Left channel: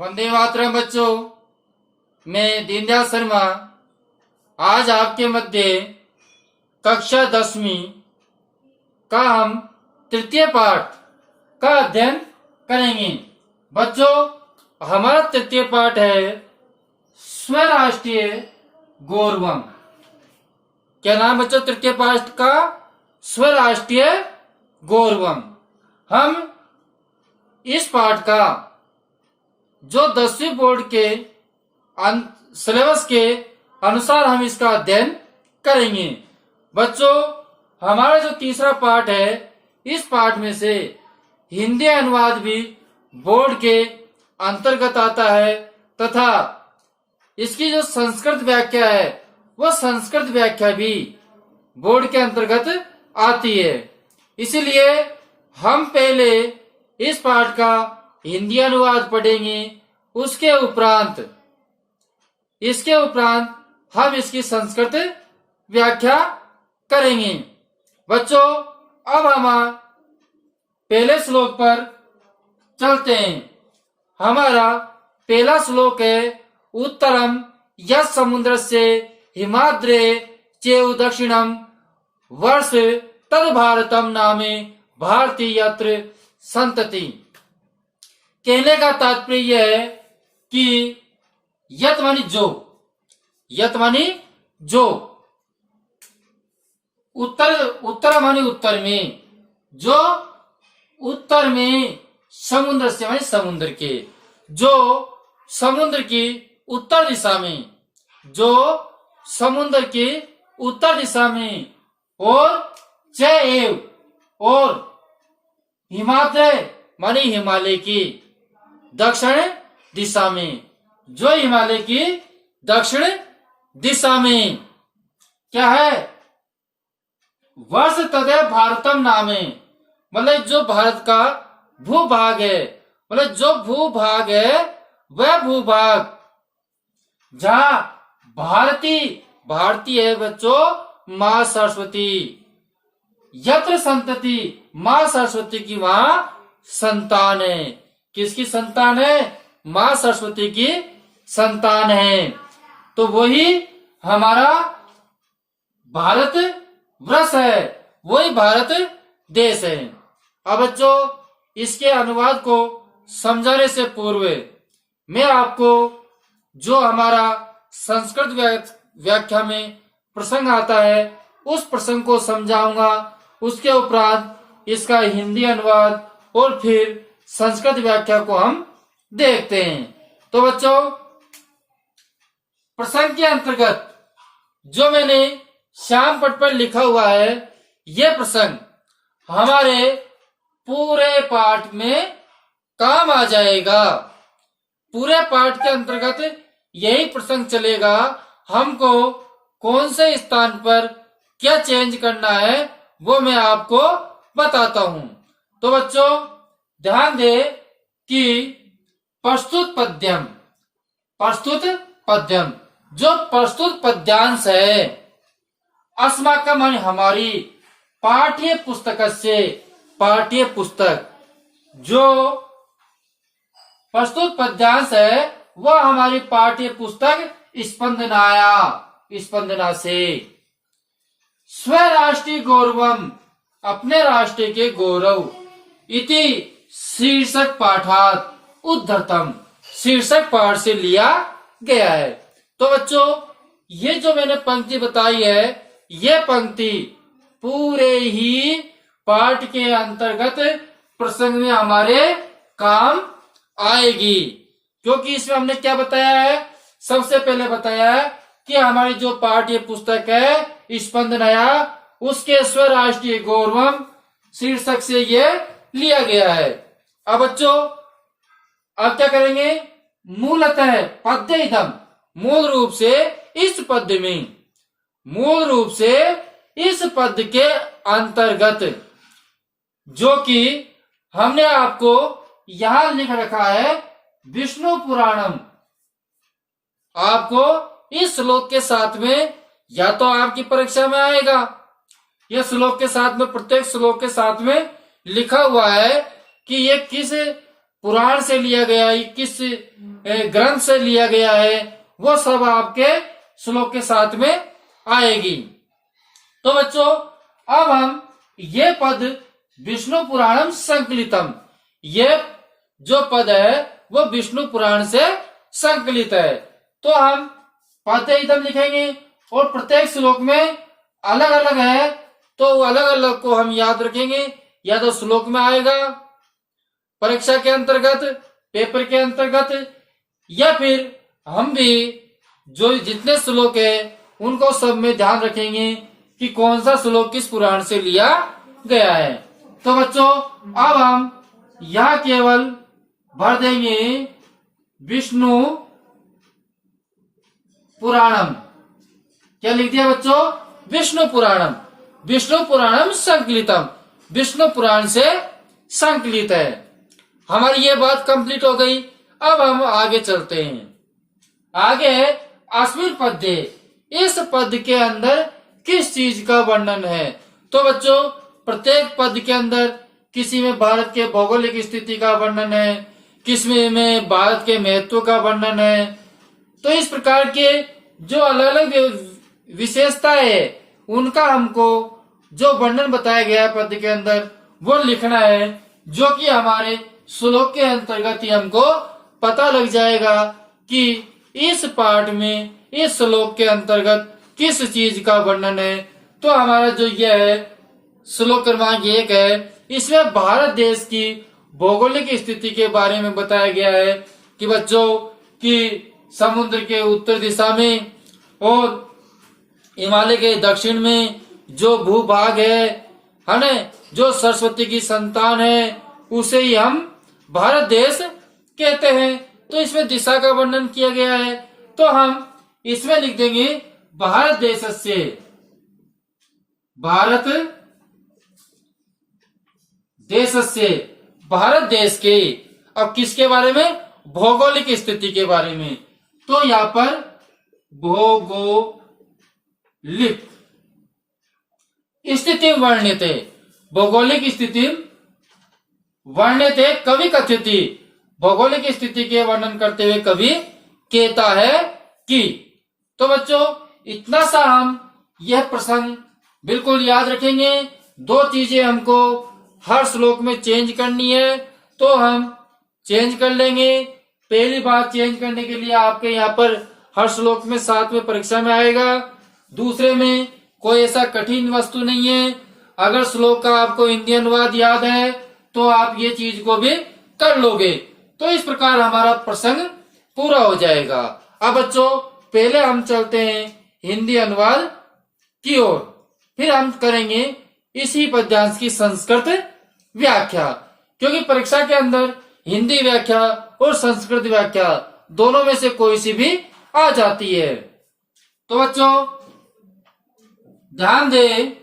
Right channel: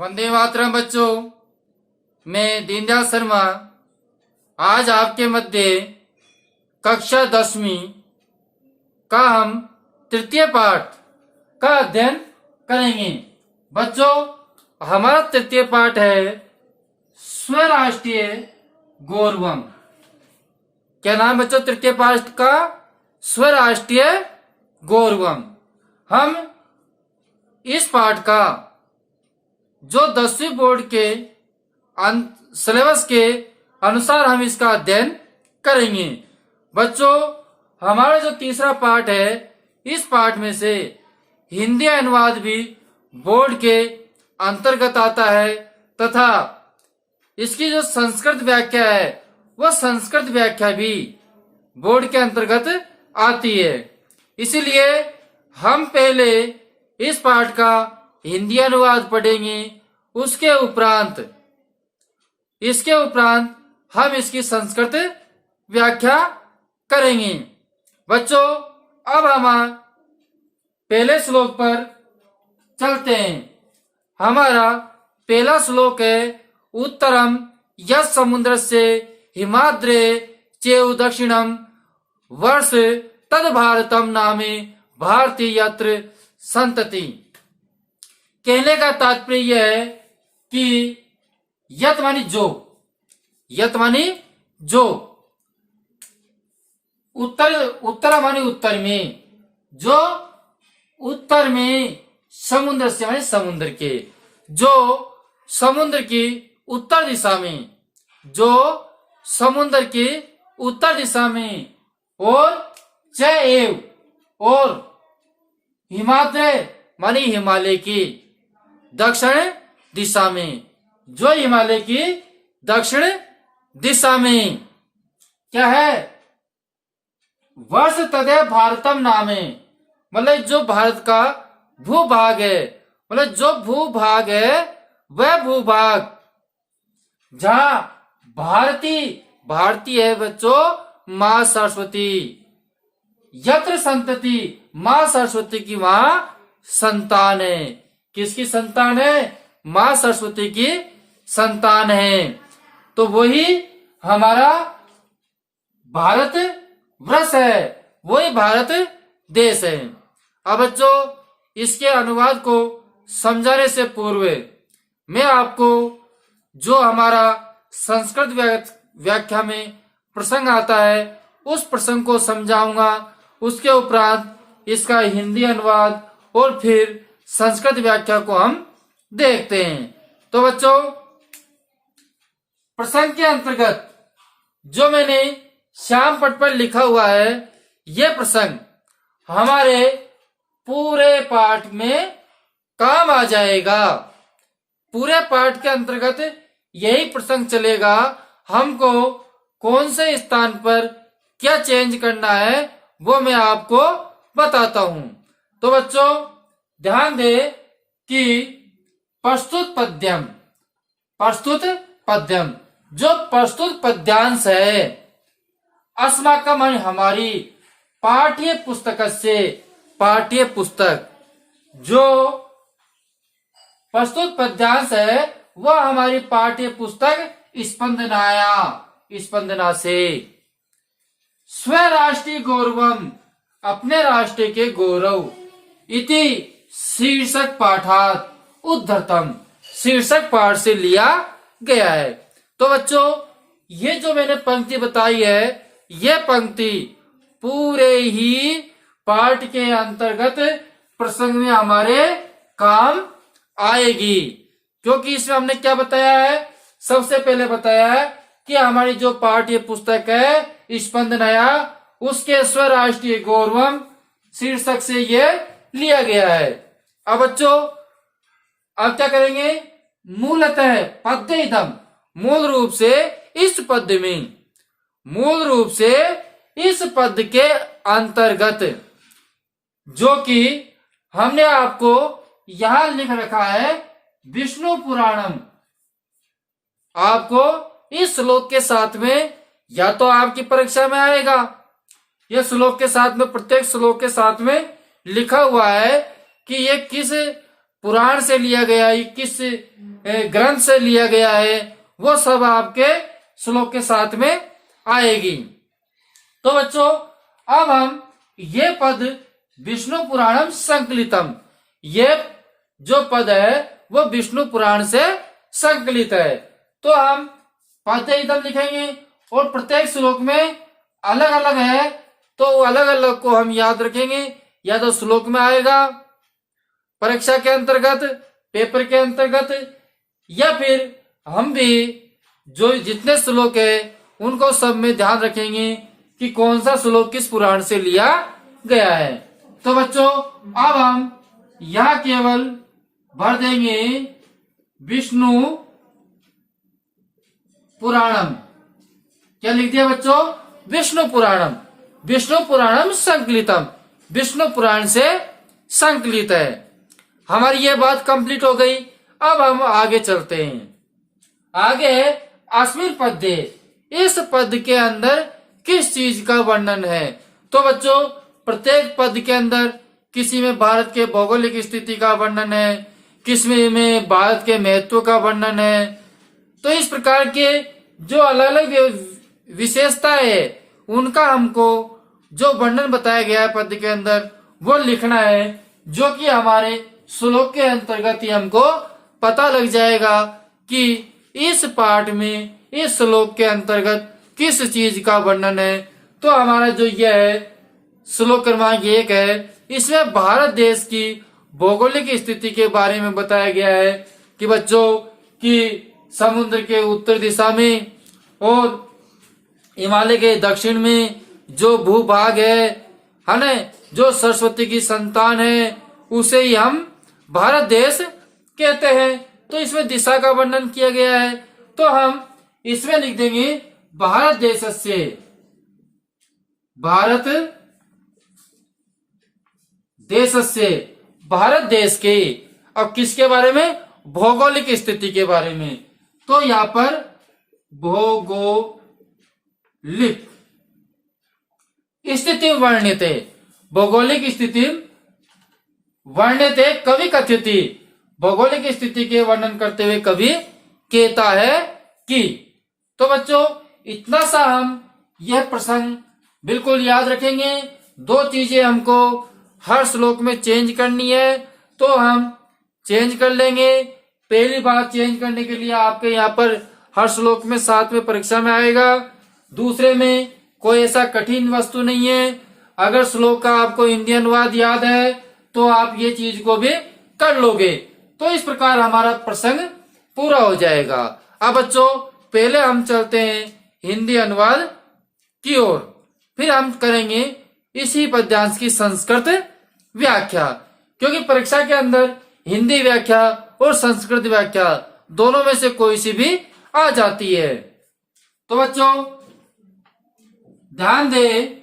वंदे मातरम बच्चों। मैं दीनदयाल शर्मा आज आपके मध्य कक्षा 10वीं का हम तृतीय पाठ का अध्ययन करेंगे। बच्चों, हमारा तृतीय पाठ है स्वराष्ट्रीय गौरवम। क्या नाम बच्चों तृतीय पाठ का? स्वराष्ट्रीय गौरवम। हम इस पाठ का जो 10वीं बोर्ड के सिलेबस के अनुसार हम इसका अध्ययन करेंगे। बच्चों, हमारा जो तीसरा पाठ है, इस पाठ में से हिंदी अनुवाद भी बोर्ड के अंतर्गत आता है तथा इसकी जो संस्कृत व्याख्या है वह संस्कृत व्याख्या भी बोर्ड के अंतर्गत आती है। इसीलिए हम पहले इस पाठ का हिंदी अनुवाद पढ़ेंगे, इसके उपरांत हम इसकी संस्कृत व्याख्या करेंगे। बच्चों, अब हम पहले श्लोक पर चलते हैं। हमारा पहला श्लोक है उत्तरम यत् समुद्रस्य हिमाद्रे चेउ दक्षिणम वर्ष तद भारतम नामे भारती यत्र संतति। कहने का तात्पर्य यह है कि यत मानी जो, उत्तर मानी उत्तर में, जो उत्तर में समुद्र से मानी समुद्र के, जो समुद्र की उत्तर दिशा में, जो समुद्र की उत्तर दिशा में, और चैव और हिमाद्री मानी हिमालय की दक्षिण दिशा में, जो हिमालय की दक्षिण दिशा में क्या है? वर्ष तदेव भारतम नामे, मतलब जो भारत का भूभाग है, मतलब जो भूभाग है वह भूभाग जहां भारती है बच्चों मां सरस्वती, यत्र संतति मां सरस्वती की वहां संतान है। किसकी संतान है? मां सरस्वती की संतान है। तो वही हमारा भारत वर्ष है, वही भारत देश है। अब बच्चों, इसके अनुवाद को समझाने से पूर्व मैं आपको जो हमारा संस्कृत व्याख्या में प्रसंग आता है उस प्रसंग को समझाऊंगा। उसके उपरांत इसका हिंदी अनुवाद और फिर संस्कृत व्याख्या को हम देखते हैं। तो बच्चों, प्रसंग के अंतर्गत जो मैंने श्याम पट पर लिखा हुआ है, यह प्रसंग हमारे पूरे पाठ में काम आ जाएगा। पूरे पाठ के अंतर्गत यही प्रसंग चलेगा। हमको कौन से स्थान पर क्या चेंज करना है वो मैं आपको बताता हूं। तो बच्चों, ध्यान दे कि प्रस्तुत पद्यम जो प्रस्तुत पद्यांश है, अस्माकम हमारी पाठ्य पुस्तक जो प्रस्तुत पद्यांश है वह हमारी पाठ्य पुस्तक स्पंदना से स्वराष्ट्रीय गौरवम अपने राष्ट्र के गौरव इति शीर्षक पाठात उद्धृतम, शीर्षक पाठ से लिया गया है। तो बच्चों, ये जो मैंने पंक्ति बताई है, ये पंक्ति पूरे ही पाठ के अंतर्गत प्रसंग में हमारे काम आएगी। क्योंकि इसमें हमने क्या बताया है? सबसे पहले बताया है कि हमारी जो पाठ्य पुस्तक है स्पंदनया, उसके स्वराष्ट्रीय गौरवम शीर्षक से ये लिया गया है। अब बच्चों, अब क्या करेंगे? मूलतः पद्य इदम, मूल रूप से इस पद के अंतर्गत, जो कि हमने आपको यहां लिख रखा है विष्णु पुराणम। आपको इस श्लोक के साथ में, या तो आपकी परीक्षा में आएगा, यह श्लोक के साथ में, प्रत्येक श्लोक के साथ में लिखा हुआ है कि ये किस पुराण से लिया गया है, किस ग्रंथ से लिया गया है वो सब आपके श्लोक के साथ में आएगी। तो बच्चों अब हम ये पद विष्णु पुराणम संकलितम, ये जो पद है वो विष्णु पुराण से संकलित है। तो हम पद एकदम लिखेंगे और प्रत्येक श्लोक में अलग अलग है, तो अलग अलग को हम याद रखेंगे, या तो श्लोक में आएगा परीक्षा के अंतर्गत, पेपर के अंतर्गत, या फिर हम भी जो जितने श्लोक है उनको सब में ध्यान रखेंगे कि कौन सा श्लोक किस पुराण से लिया गया है। तो बच्चों अब हम यहाँ केवल भर देंगे विष्णु पुराणम। क्या लिख दिया बच्चों? विष्णु पुराणम। विष्णु पुराणम संकलितम, विष्णु पुराण से संकलित है। हमारी ये बात कंप्लीट हो गई। अब हम आगे चलते हैं। आगे अस्मिन् पद्ये, इस पद के अंदर किस चीज का वर्णन है? तो बच्चों प्रत्येक पद के अंदर किसी में भारत के भौगोलिक स्थिति का वर्णन है, किसी में भारत के महत्व का वर्णन है। तो इस प्रकार के जो अलग अलग विशेषता है उनका हमको जो वर्णन बताया गया है पद के अंदर वो लिखना है, जो कि हमारे श्लोक के अंतर्गत ही हमको पता लग जाएगा कि इस पाठ में इस श्लोक के अंतर्गत किस चीज का वर्णन है। तो हमारा जो यह है श्लोक क्रमांक 1 है, इसमें भारत देश की भौगोलिक स्थिति के बारे में बताया गया है कि बच्चों कि समुद्र के उत्तर दिशा में और हिमालय के दक्षिण में जो भूभाग है ना, जो सरस्वती की संतान है उसे ही हम भारत देश कहते हैं। तो इसमें दिशा का वर्णन किया गया है, तो हम इसमें लिख देंगे भारत देश से, भारत देश से, भारत देश के। अब किसके बारे में? भौगोलिक स्थिति के बारे में। तो यहाँ पर भौगोलिक स्थिति वर्णिते, भौगोलिक स्थिति वर्णिते कवि कथ्यति, भौगोलिक स्थिति के वर्णन करते हुए कवि कहता है कि। तो बच्चों इतना सा हम यह प्रसंग बिल्कुल याद रखेंगे। 2 चीजें हमको हर श्लोक में चेंज करनी है, तो हम चेंज कर लेंगे। पहली बात चेंज करने के लिए आपके यहाँ पर हर श्लोक में साथ में परीक्षा में आएगा। दूसरे में कोई ऐसा कठिन वस्तु नहीं है। अगर श्लोक का आपको हिंदी अनुवाद याद है तो आप ये चीज को भी कर लोगे। तो इस प्रकार हमारा प्रसंग पूरा हो जाएगा। अब बच्चों पहले हम चलते हैं हिंदी अनुवाद की ओर, फिर हम करेंगे इसी पद्यांश की संस्कृत व्याख्या, क्योंकि परीक्षा के अंदर हिंदी व्याख्या और संस्कृत व्याख्या दोनों में से कोई सी भी आ जाती है। तो बच्चों ध्यान दें,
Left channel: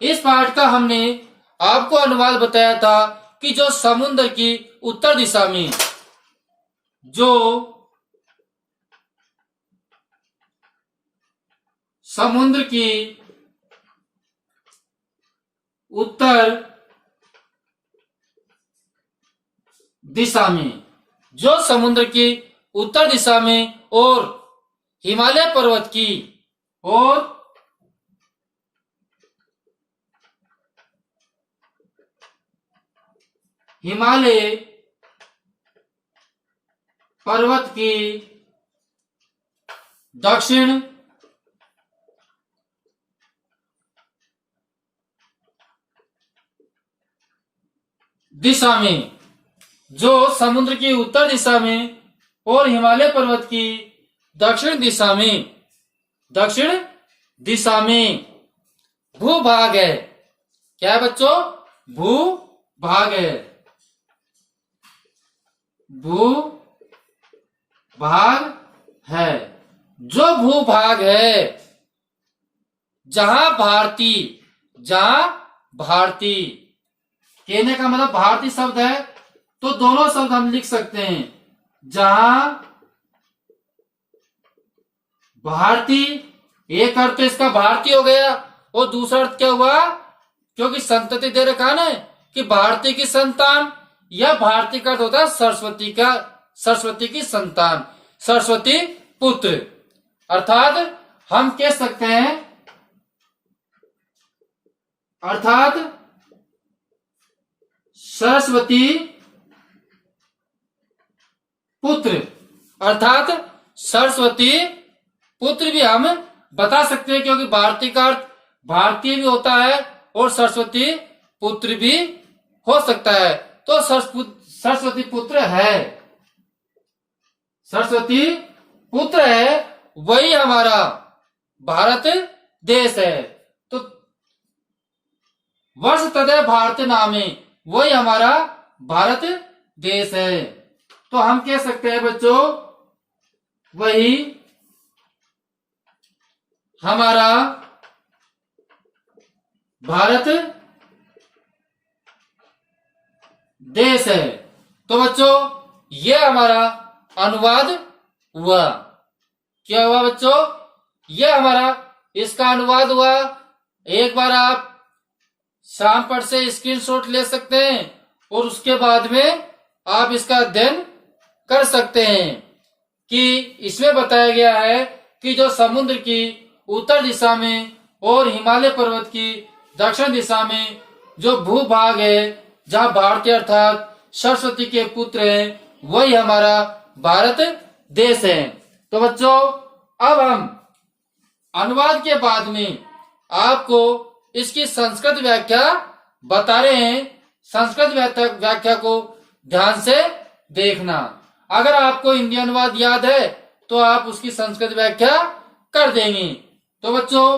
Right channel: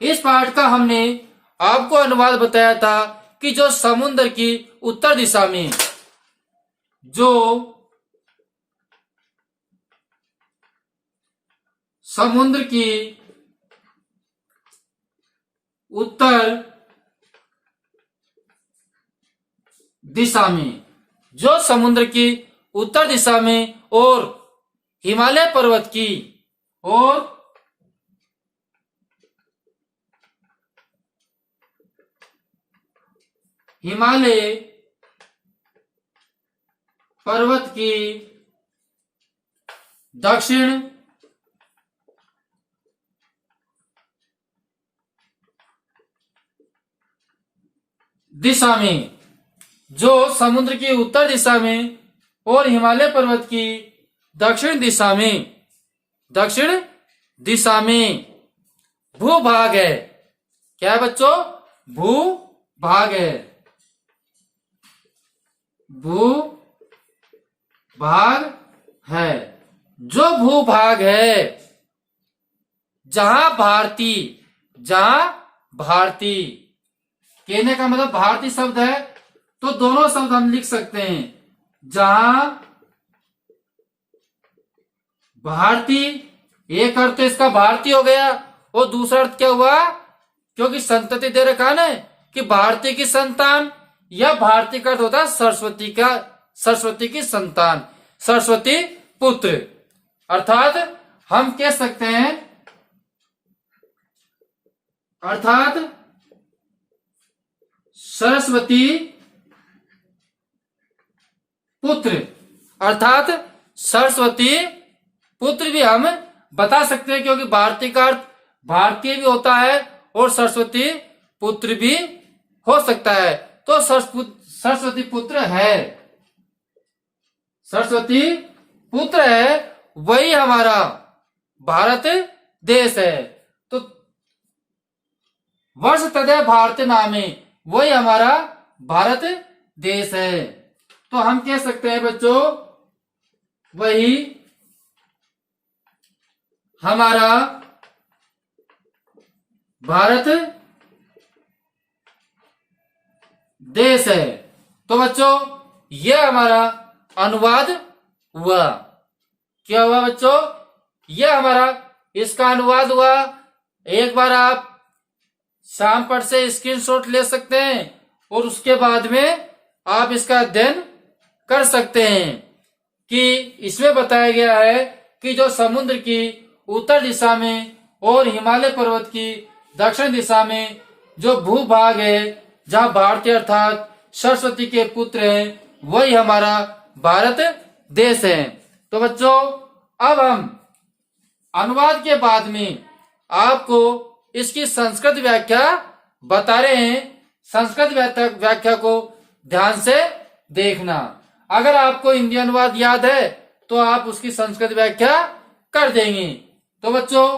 इस पाठ का हमने आपको अनुवाद बताया था कि जो समुद्र की उत्तर दिशा में, जो समुद्र की उत्तर दिशा में, जो समुद्र की उत्तर दिशा में और हिमालय पर्वत की और हिमालय पर्वत की दक्षिण दिशा में, जो समुद्र की उत्तर दिशा में और हिमालय पर्वत की दक्षिण दिशा में भूभाग है। क्या है बच्चों? भूभाग है, भूभाग है। जो भूभाग है जहां भारती कहने का मतलब भारतीय शब्द है, तो दोनों शब्द हम लिख सकते हैं। जहां भारतीय, एक अर्थ तो इसका भारतीय हो गया और दूसरा अर्थ क्या हुआ, क्योंकि संतति दे रखा ना कि भारतीय की संतान, यह भारतीय का अर्थ होता है सरस्वती की संतान, सरस्वती पुत्र। अर्थात हम कह सकते हैं, अर्थात सरस्वती पुत्र, अर्थात सरस्वती पुत्र भी हम बता सकते हैं, क्योंकि भारतीय का अर्थ भारतीय भी होता है और सरस्वती पुत्र भी हो सकता है। तो सरस्वती पुत्र है, सरस्वती पुत्र है, वही हमारा भारत देश है। तो वर्ष तदय भारत नामे, वही हमारा भारत देश है। तो हम कह सकते हैं बच्चों, वही हमारा भारत देश है। तो बच्चों ये हमारा अनुवाद हुआ। क्या हुआ बच्चों? ये हमारा इसका अनुवाद हुआ। एक बार आप शाम पर से स्क्रीनशॉट ले सकते हैं और उसके बाद में आप इसका अध्ययन कर सकते हैं कि इसमें बताया गया है कि जो समुद्र की उत्तर दिशा में और हिमालय पर्वत की दक्षिण दिशा में जो भूभाग है, जहां भारतीय अर्थात सरस्वती के पुत्र हैं, वही हमारा भारत देश है। तो बच्चों अब हम अनुवाद के बाद में आपको इसकी संस्कृत व्याख्या बता रहे हैं। संस्कृत व्याख्या को ध्यान से देखना। अगर आपको हिंदी अनुवाद याद है तो आप उसकी संस्कृत व्याख्या कर देंगे। तो बच्चों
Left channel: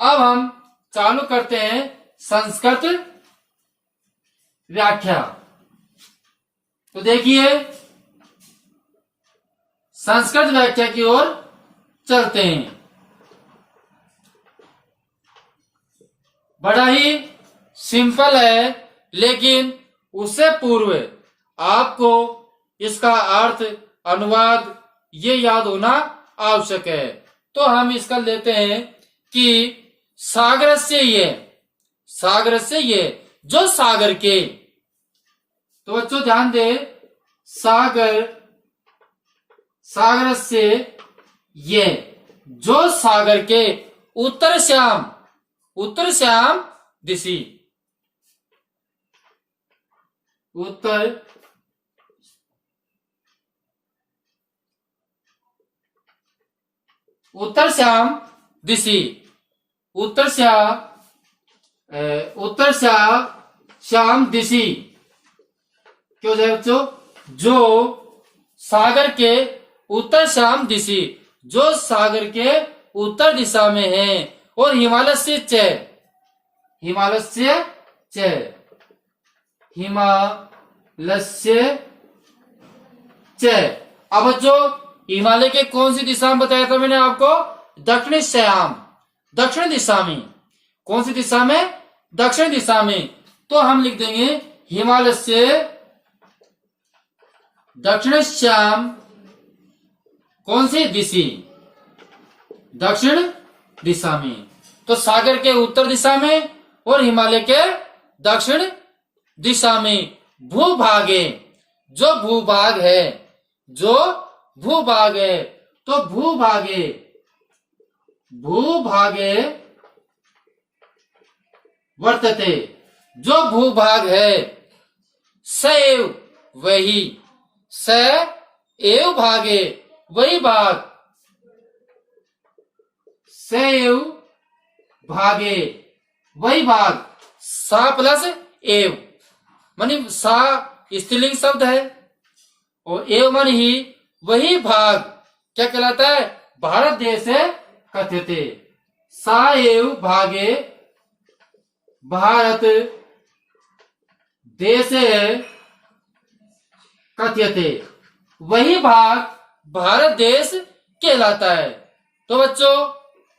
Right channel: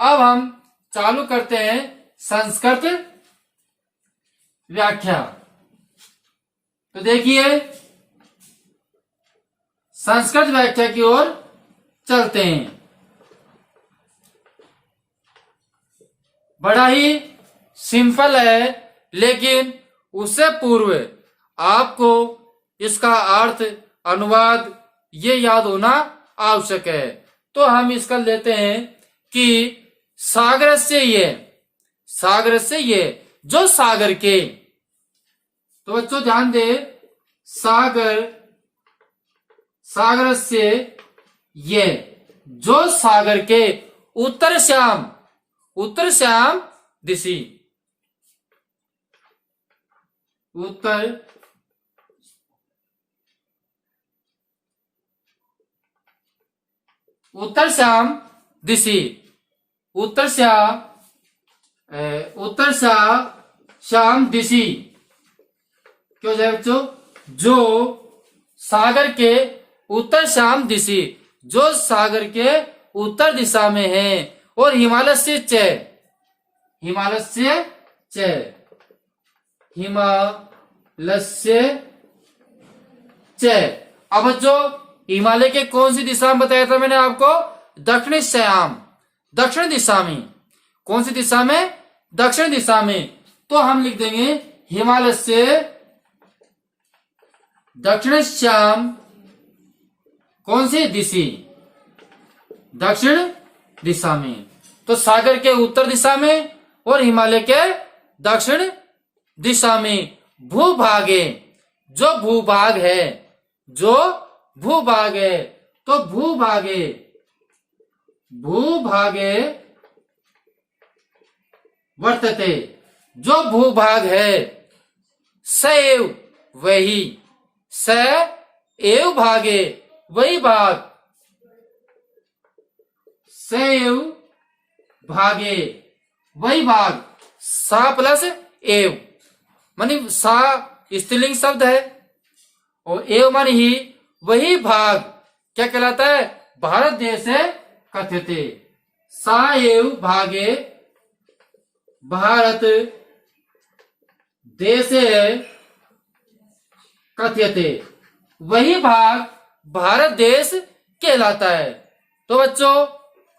अब हम चालू करते हैं संस्कृत व्याख्या। तो देखिए संस्कृत व्याख्या की ओर चलते हैं। बड़ा ही सिंपल है, लेकिन उससे पूर्व आपको इसका अर्थ, अनुवाद ये याद होना आवश्यक है। तो हम इसका लेते हैं कि सागर से ये जो सागर के, तो बच्चों ध्यान दे, सागर से ये जो सागर के उत्तर श्याम दिशि, उत्तर श्याम दिशि क्यों जाए बच्चों? जो सागर के उत्तर श्याम दिशि, जो सागर के उत्तर दिशा में है, और हिमालय से अब जो हिमालय के कौन सी दिशा में बताया था मैंने आपको? दक्षिण दिशा में। कौन सी दिशा में? दक्षिण दिशा में। तो हम लिख देंगे हिमालय से दक्षिण श्याम कौन सी दिशा? दक्षिण दिशा में। तो सागर के उत्तर दिशा में और हिमालय के दक्षिण दिशा में भूभागे, जो भूभाग है, तो भूभागे वर्तते, जो भूभाग है, सएव वही, स एव भागे वही भाग, सएव भागे वही भाग, सा प्लस एव मानी सा स्त्रीलिंग शब्द है और एव मानी ही वही भाग क्या कहलाता है? भारत देश है कथ्यते। सा एव भागे भारत देश कथ्यते, वही भाग भारत देश कहलाता है। तो बच्चों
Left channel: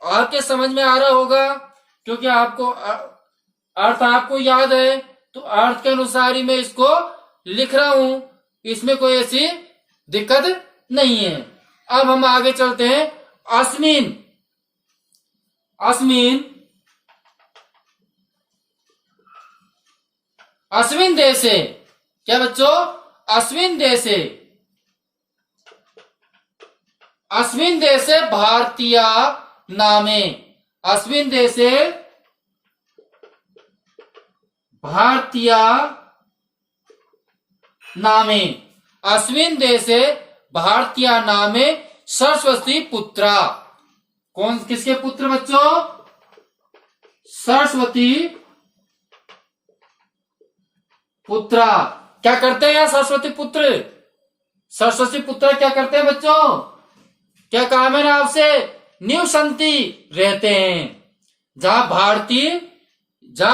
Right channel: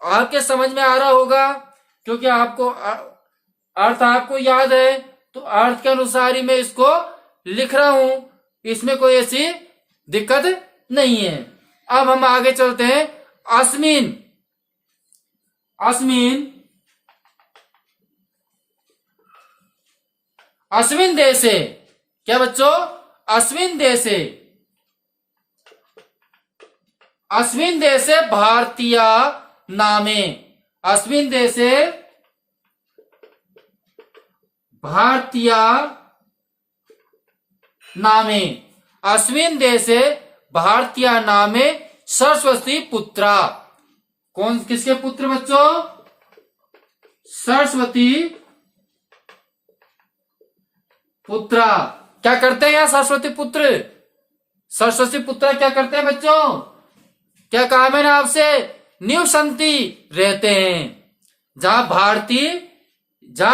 आपके समझ में आ रहा होगा, क्योंकि आपको अर्थ आपको याद है, तो अर्थ के अनुसार ही मैं इसको लिख रहा हूं, इसमें कोई ऐसी दिक्कत नहीं है। अब हम आगे चलते हैं। अस्मिन देशे क्या बच्चों? अस्मिन देशे भारतीय नामे, अस्मिन देशे भारतीय नामे, अस्मिन देशे भारतीय नामे सरस्वती पुत्रा। कौन किसके पुत्र बच्चों? सरस्वती पुत्रा। क्या करते हैं यहाँ सरस्वती पुत्र? सरस्वती पुत्र क्या करते हैं बच्चों? क्या कहा मैंने आपसे? निवसंती रहते हैं। जहां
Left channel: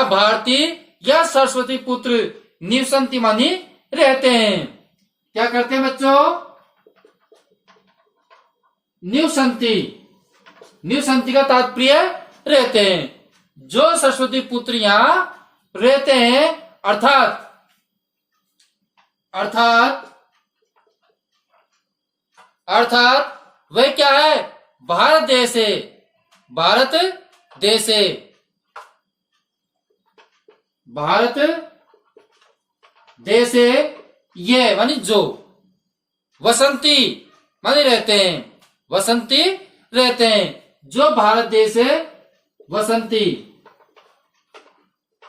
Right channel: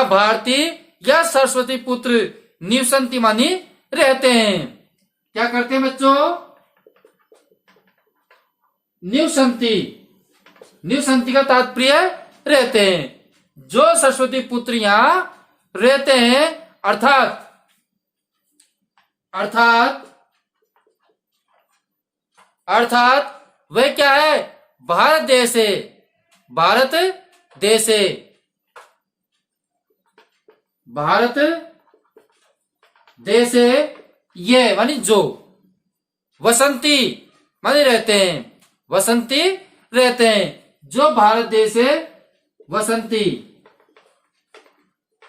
भारतीय या सरस्वती पुत्र निवसंती मानी रहते हैं। क्या करते हैं बच्चों? निवसंती का तात्पर्य रहते हैं। जो सरस्वती पुत्र यहां रहते हैं, अर्थात वे क्या है? भारत देशे ये मानी जो, वसंती मानी रहते हैं, जो भारत देशे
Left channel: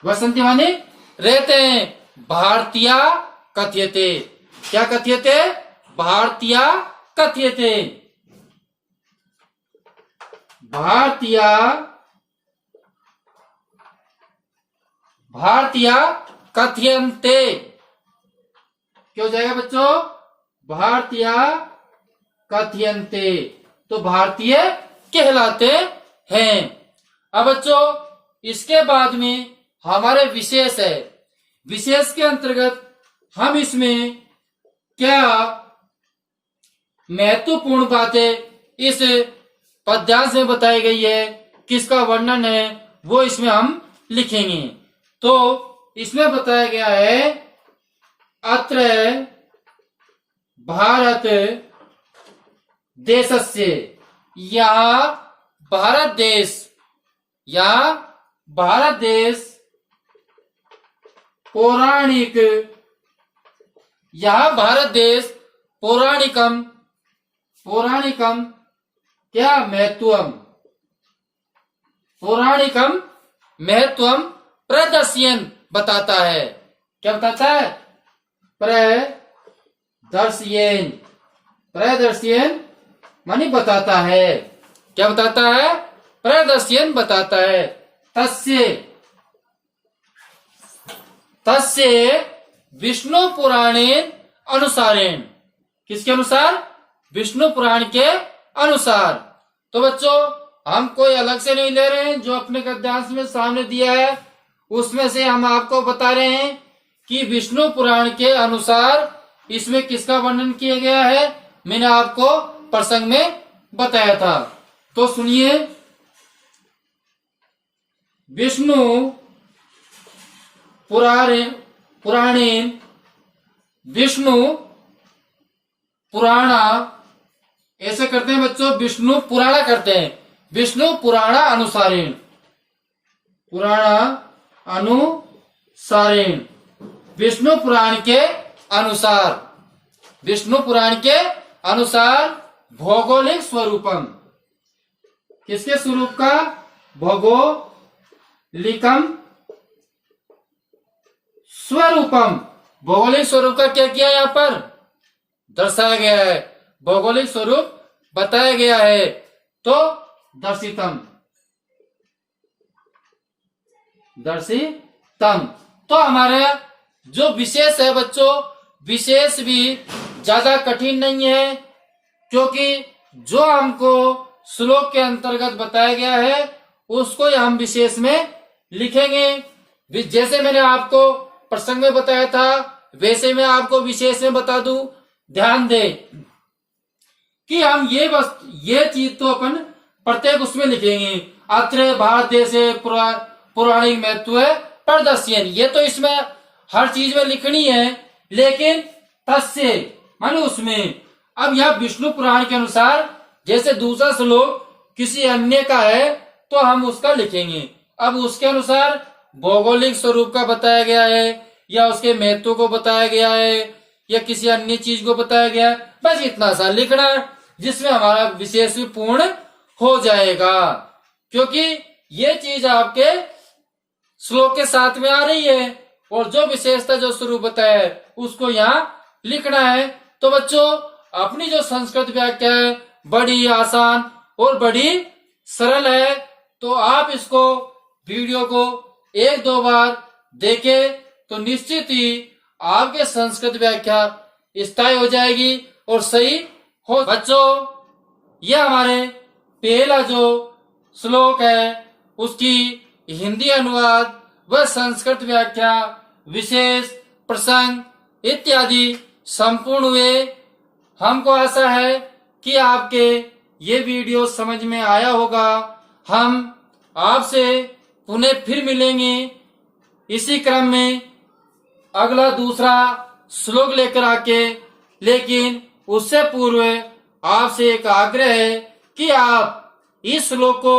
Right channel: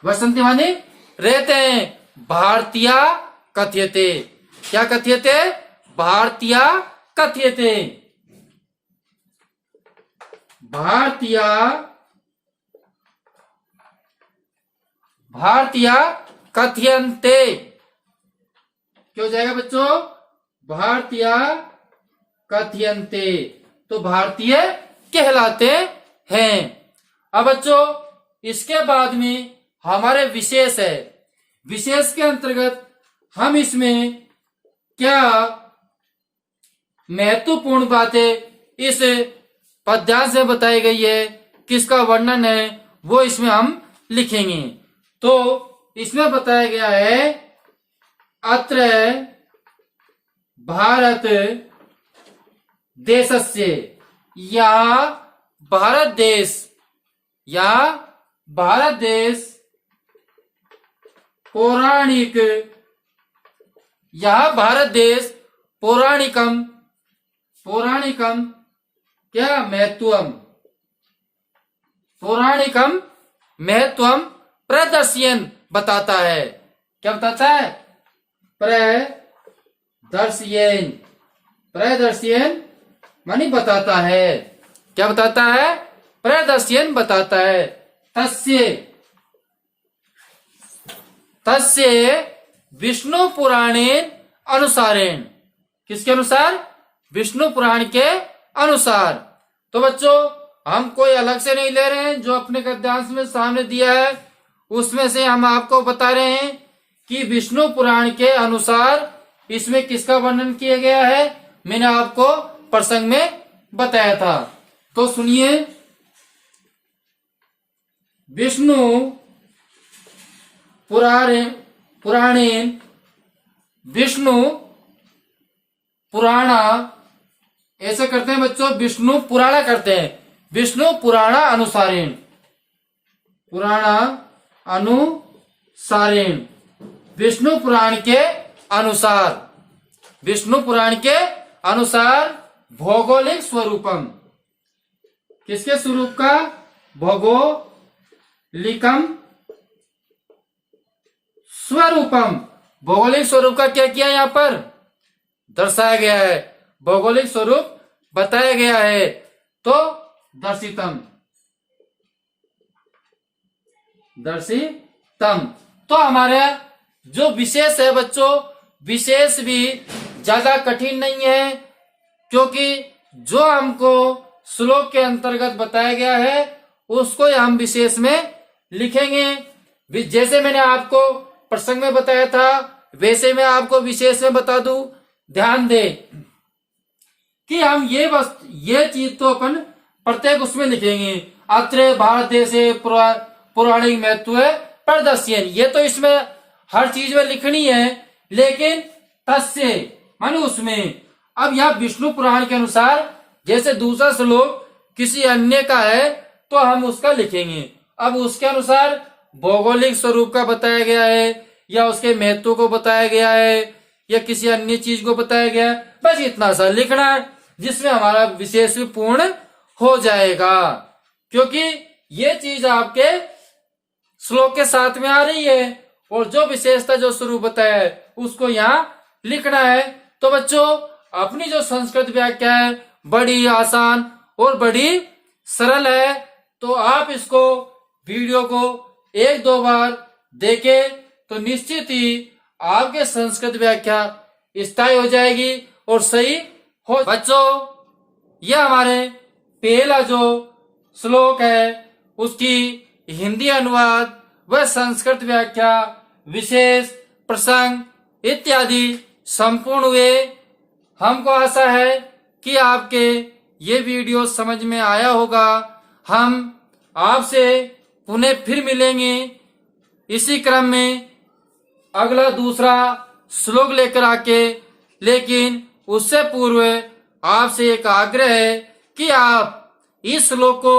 वसंती मानी रहते हैं। भारतीय कथ्यते। क्या कथ्यते? भारतीय कथ्यते। भारतीय कथ्यन्ते। क्यों जाएगा बच्चों? भारतीय कथ्यन्ते, तो भारतीय कहलाते हैं। अब बच्चों इसके बाद में हमारे विशेष है। विशेष के अंतर्गत हम इसमें क्या महत्वपूर्ण बातें इस पद्यांश में बताई गई है, किसका वर्णन है, वो इसमें हम लिखेंगे। तो इसमें बताया गया है, अत्र भारत देशस्य, यहाँ भारत देश पौराणिक, यहाँ भारत देश पौराणिकम क्या महत्वम, पौराणिकम महत्वम प्रदर्शयन बताता है। क्या बताता है? प्रदर्शयन मानी बताता है। क्या बताता है? प्रदर्शयन बताता है। तस्य विष्णु पुराणेन अनुसारेण। किसके अनुसार? विष्णु पुराण के अनुसार। तो बच्चों हम कोई अलग से नहीं ले रहे हैं, जो अपने गद्यांश में सामने दिया है उसमें से हम आपको बता रहे हैं कि विष्णु पुराण के अनुसार इसमें किसका वर्णन किया गया है। मैंने आपको प्रसंग में बताया था, तो सुनिए। विष्णु पुराणेन, विष्णु पुराणा, ऐसे करते हैं बच्चों, विष्णु पुराणा करते हैं। विष्णु पुराणा अनुसारेण, विष्णु पुराण के अनुसार, विष्णु पुराण के अनुसार भौगोलिक स्वरूपम। किसके स्वरूप का? भौगोलिकम स्वरूपम। भौगोलिक स्वरूप का क्या किया यहाँ पर दर्शाया गया है, भौगोलिक स्वरूप बताया गया है। तो दर्शितम, तो हमारा जो विशेष है बच्चों, विशेष भी ज्यादा कठिन नहीं है, क्योंकि जो हमको श्लोक के अंतर्गत बताया गया है उसको हम विशेष में लिखेंगे। जैसे मैंने आपको प्रसंग में बताया था वैसे मैं आपको विशेष में बता दूं। ध्यान दे कि हम ये चीज तो अपन प्रत्येक उसमें लिखेंगे। अत्र भारत देश पौराणिक महत्व प्रदर्शन, ये तो इसमें हर चीज में लिखनी है, लेकिन तस्य माने उसमें। अब यह विष्णु पुराण के अनुसार, जैसे दूसरा श्लोक किसी अन्य का है तो हम उसका लिखेंगे। अब उसके अनुसार भौगोलिक स्वरूप का बताया गया है, या उसके महत्व को बताया गया है या किसी अन्य चीज को बताया गया है, बस इतना सा लिखना है जिसमें हमारा विशेष भी पूर्ण हो जाएगा। क्योंकि ये चीज आपके श्लोक के साथ में आ रही है और जो विशेषता जो स्वरूप बताया है उसको यहाँ लिखना है। तो बच्चों अपनी जो संस्कृत व्याख्या है बड़ी आसान और बड़ी सरल है, तो आप इसको वीडियो को एक दो बार देखें तो निश्चित ही आपके संस्कृत व्याख्या स्थायी हो जाएगी और सही हो। बच्चों यह हमारे पहला जो श्लोक है उसकी हिंदी अनुवाद व संस्कृत व्याख्या विशेष प्रसंग इत्यादि संपूर्ण हुए। हमको आशा है कि आपके ये वीडियो समझ में आया होगा। हम आपसे पुनः फिर मिलेंगे इसी क्रम में अगला दूसरा श्लोक लेकर आके, लेकिन उससे पूर्व आपसे एक आग्रह है कि आप इस श्लोक को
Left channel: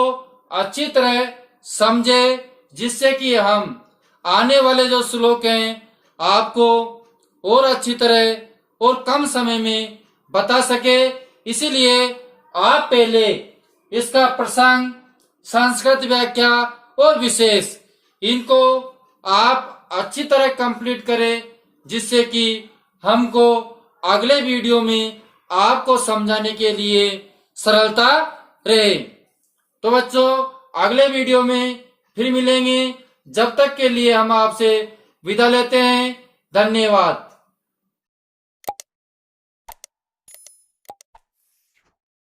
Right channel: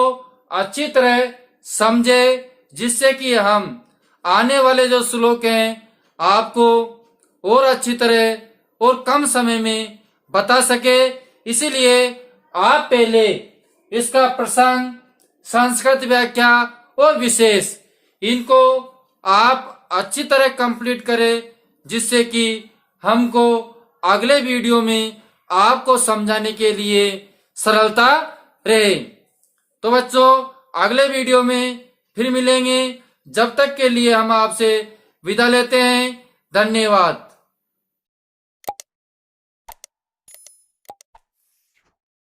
अच्छी तरह समझे, जिससे कि हम आने वाले जो श्लोक हैं आपको और अच्छी तरह और कम समय में बता सके। इसीलिए आप पहले इसका प्रसंग, संस्कृत व्याख्या और विशेष इनको आप अच्छी तरह कंप्लीट करें, जिससे कि हमको अगले वीडियो में आपको समझाने के लिए सरलता रहे। तो बच्चों अगले वीडियो में फिर मिलेंगे, जब तक के लिए हम आपसे विदा लेते हैं। धन्यवाद।